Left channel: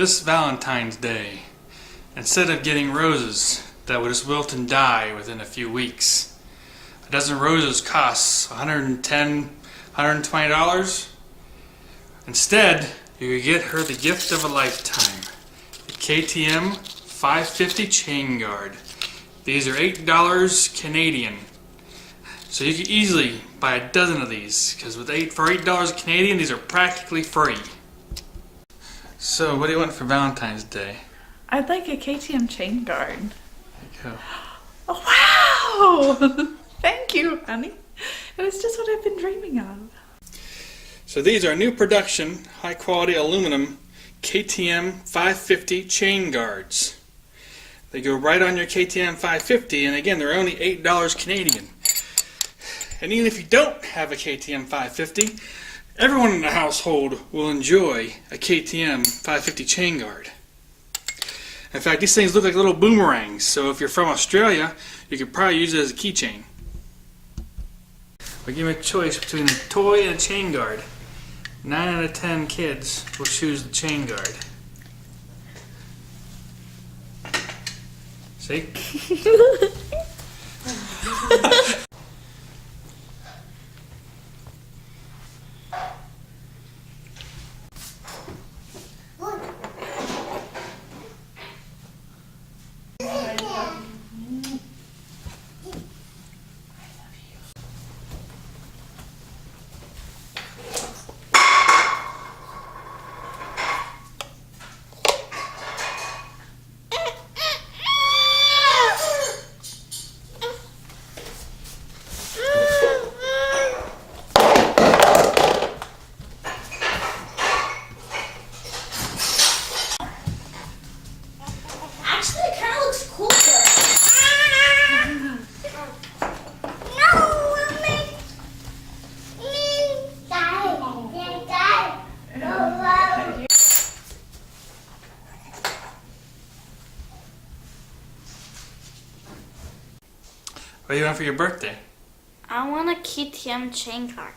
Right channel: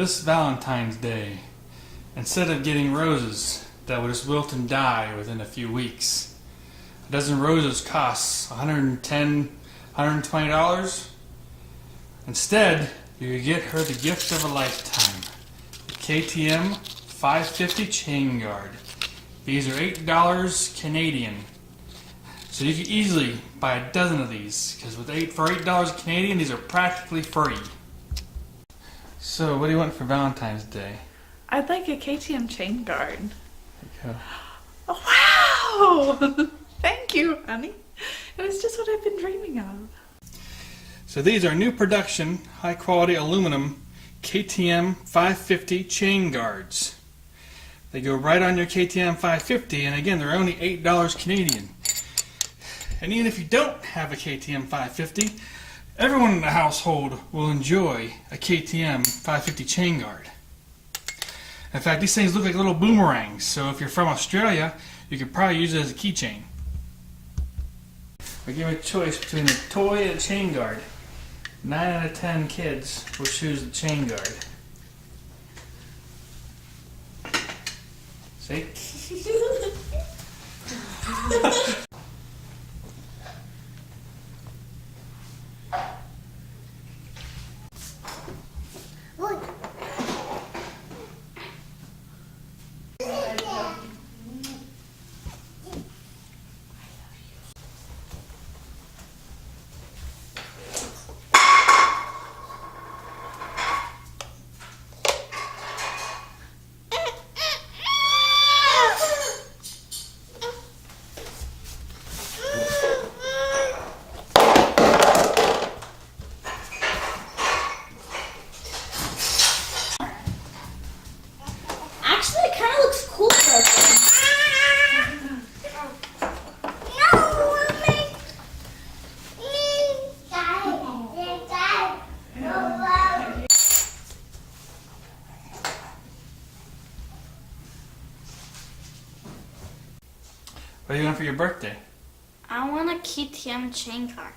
This Valentine's Day, instead of getting roses that would just wilt and die within a few weeks, a dozen roses costs $110, $120. Instead, you could get her the gift of a lifetime, the KTM 550 chain guard. These are $8 Canadian. So you could easily buy a dozen of these, because for $8 Canadian, these are practically free. So, what do you want for Valentine's Day? I'd like a KTM chain guard. Yeah. Oh, wow! Thank you, honey. It was just what I've been dreaming of. So these are new production, high quality aluminum KTM 550 chain guards. They go right on your KTM 550, and again, they're only $8 Canadian. And even if you don't have a KTM 550, everyone in the household will enjoy a KTM 550 chain guard. In fact, these things look like little boomerangs, so if you're from Australia, you could probably use it as a keychain. But give me a choice between a toy and a chain guard. 9 out of 10 kids will choose the chain guard. See? What do you want for your birthday? I want a KTM chain guard.